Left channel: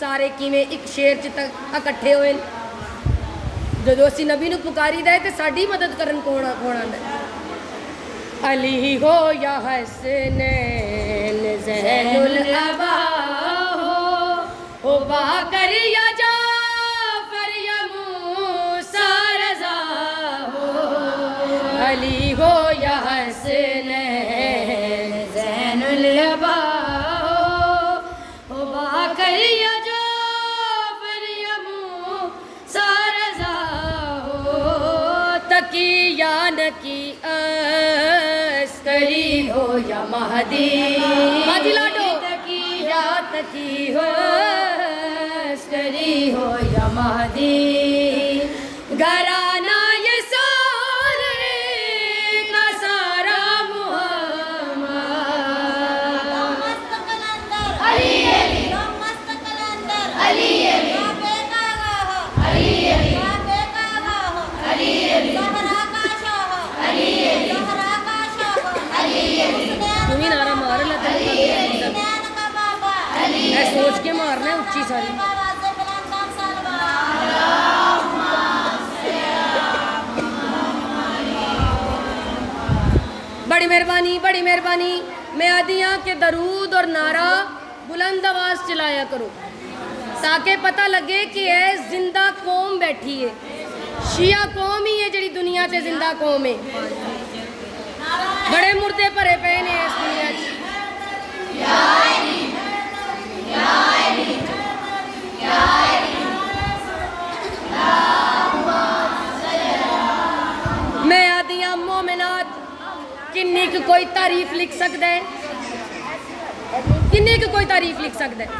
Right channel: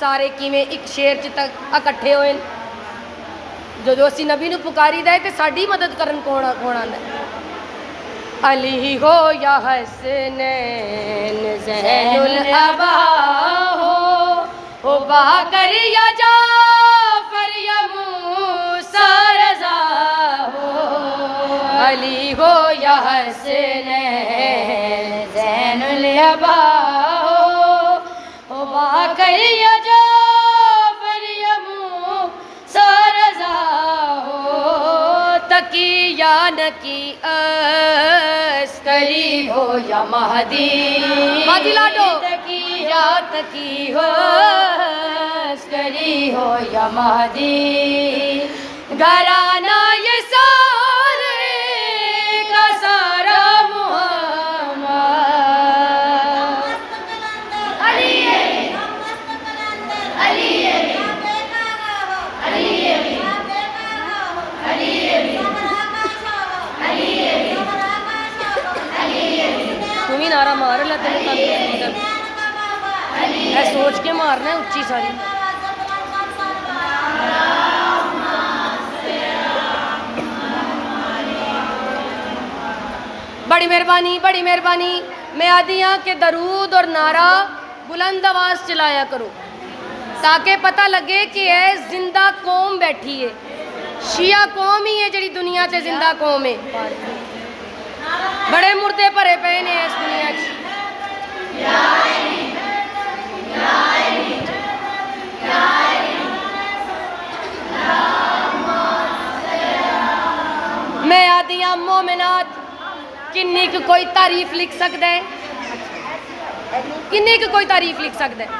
سارے کیویں ایک شیر چ اکٹھے ہوئے جدو اسی نبی نو پکاری دے تے ساڈی مدد کرن کون آندا علی ہو یا حسنین زین الاباء ہو باقر یا جعفر یا موسیٰ رضا ہو علی ہو یا حسنین زین الاباء ہو باقر یا جعفر یا موسیٰ رضا ہو تقی یا نکی عسکری ہو یا مہدی مہدی لاڈو تقی ہو عسکری ہو یا مہدی گھرانہ یہ سارے کا سارا محمد علی علی علی تمہیں نعرہ مار لا سوچ کے مارنا اچھی ساری بڑی مہربانی میں آدھی ہاں کہ درود اور نعرہ بلند آواز چلایا کرو تاکہ پتہ لگے کہ ہے زندہ قوم بیٹھی ہے شیعہ قوم ہی ہے جڑی دنیا سے زندہ قوم ہے بڑے مردے بھرے پے نے اس دنیا کی میں آدیاں مومنات کنی کی کوئی تعریف لکھ سکتا ہے کنی کی کوئی تعریف لکھ سکتا ہے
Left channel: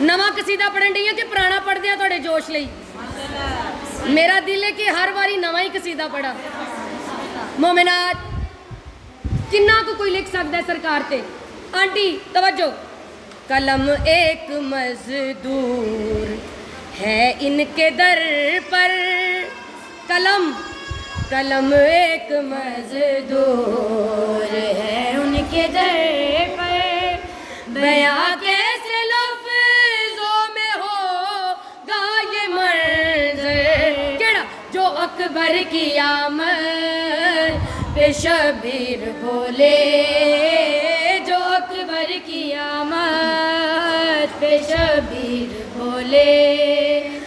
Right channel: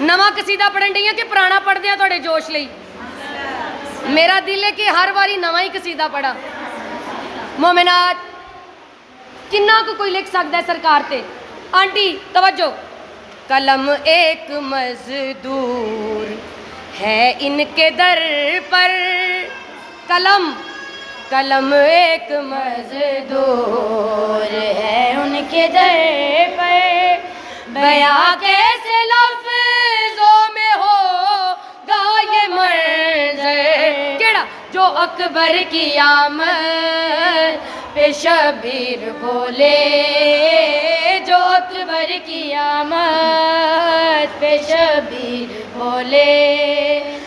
نواں قصیدہ پڑھن رہی ہیں کہ پرانا پڑھ دیا تھوڑے جوش لئی میرا دل ہے کہ ہر باری نواں ہی قصیدہ پڑھا مومنات کنہ کو کوئی لکھ سکتا ہے سرکار تے آنٹی توجہ قلم ایک مزدور ہے ان کے در پر قلم ایک مزدور ہے ان کے در پر بیاں کیسے لفظوں میں ہوگا یہ منظر کیڑا جو اکبر کی آمد پہ شبیر بولے جو اکبر کی آمد پہ شبیر بولے